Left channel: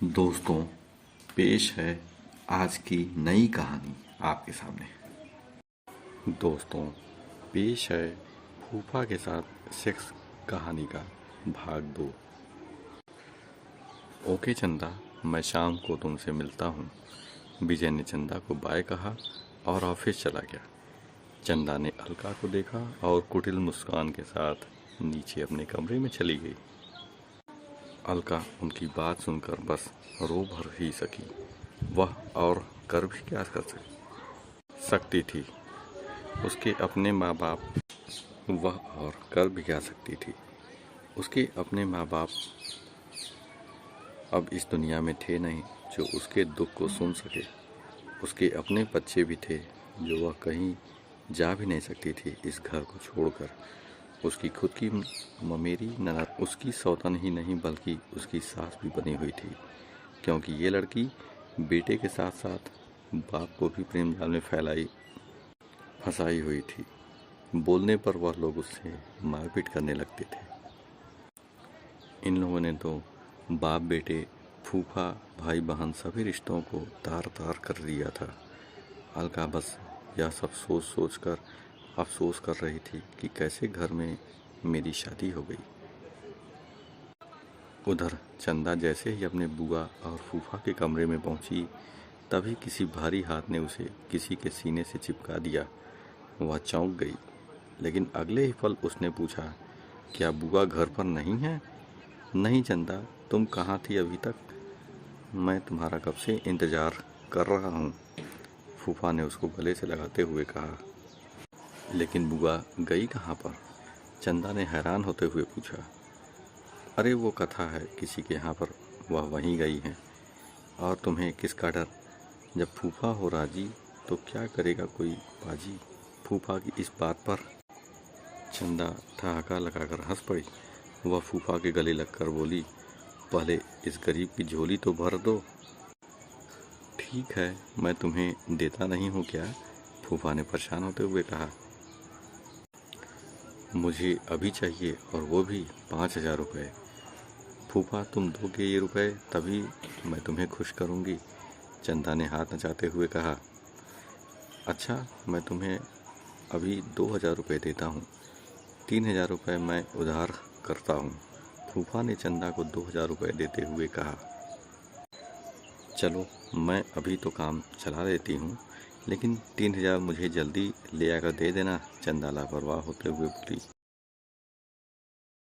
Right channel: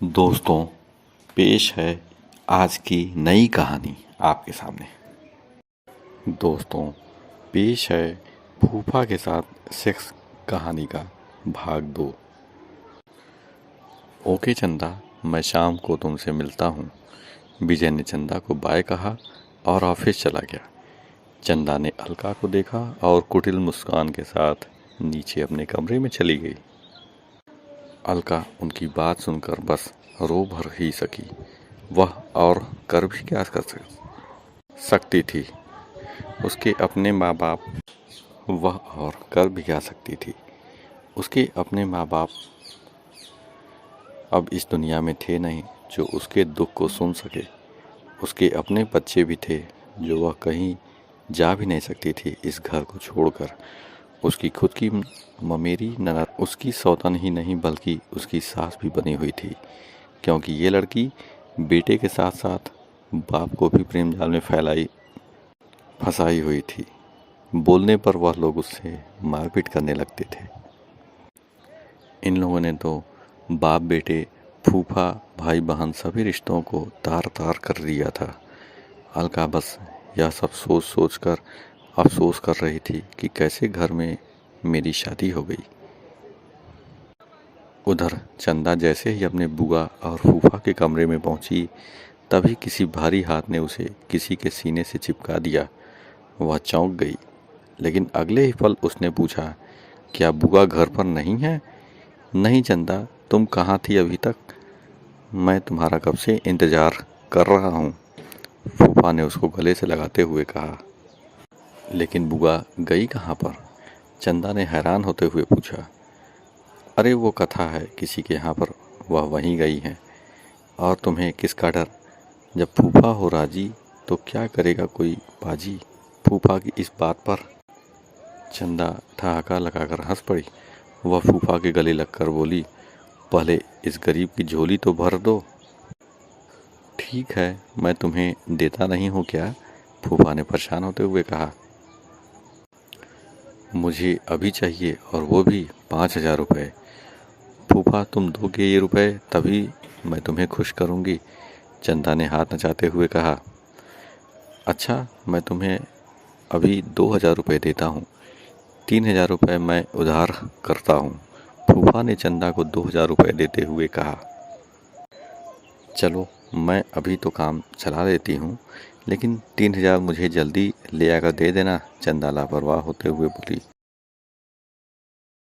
दोस्तों, पेश है आज की नई कहानी आपके सामने। दोस्तों, पेश है फूफा के साथ सेक्स कहानी का भाग 2। ओके चंदा, मैं शाम को तुमसे मिलता हूँ। विजय ने चंदा को बाय कहा और ऑफिस चला गया। चंदा ने अलका को देखा और कुटिल मुस्कान के साथ नीचे अपने कमरे में चली गई। अलका उनकी बात सुनकर बस रो भर ही सकी। वह और कर भी क्या कर सकती थी। उसके अपने माँ बाप वह और कर भी क्या सकती थी। उसके अपने माँ बाप अब इस दुनिया में थे नहीं जो उसके दुख को सुन सके। उसके अपने बच्चे भी थे जो वह कहीं जा भी नहीं सकती थी इस घर को छोड़कर। उसकी खुद की ममेरी ननद उसकी सौतन ही नहीं बल्कि उसकी सास भी बनी हुई थी, क्योंकि ये लड़की बेटे के साथ साथ बाप को भी प्रेम जाल में फंसाई हुई थी। बोलने पर वह लोग उससे मारपीट करने लगते थे। इन लोगों ने तो बाप बेटे, फूफा, भाई बहन सभी रिश्तों को तार तार कर दिया था। अलका बस यह सब सोच सोच कर अफसोस कर रही थी कि कैसे घर में मेरी शादी हो गई। उधर चंदा जैसे ही अपने बुआ और फूफा के कमरे में पहुंची, तभी किसी भारी हाथ ने उसे किसी के सीने से चिपका दिया। वह चौंक गई, लेकिन अगले ही पल उसने पूछा, क्या बुआ घर पर नहीं है? नहीं चंदा, तुम कहाँ थी अभी तक? मैं तुम्हारा कब से इंतज़ार कर रहा हूँ, फूफा ने उसको गले से लगाते हुए कहा। लेकिन बुआ गई कहाँ पर? चंदा ने हैरान होते हुए पूछा। अरे वो कथा है किसी के यहाँ पर, वह वहीं गई हैं। और तुम्हें किसका डर? जब फूफा हो राजी तो क्या करेगा कोई बाजी। फूफा की इस बात पर चंदा ठहाका लगाकर हंस पड़ी। वह फूफा के गले लगकर बोली, पहले इस गरीब की झोली तो भर दो। ठीक है, मैं तुम्हें देता नहीं हूँ क्या? फूफा ने परेशान होते हुए कहा। मुझे अभी चाहिए, और वो भी 5,000 रुपये। फूफा तुम दोगे ये रुपए तभी मैं तुम्हें खुश करूँगी, चंदा ने हाथ नचाते हुए कहा। अच्छा, मैं तुम्हें अभी 2,000 रुपये देता हूँ, 3,000 रुपये मैं उधार करता हूँ, फूफा ने चंदा को 2,000 रुपये देते हुए कहा। चलो, मैं अभी तो काम चला देती हूँ, लेकिन 3,000 मुझे जल्दी ले आकर दे देना, चंदा लापरवाह होते हुए बोली।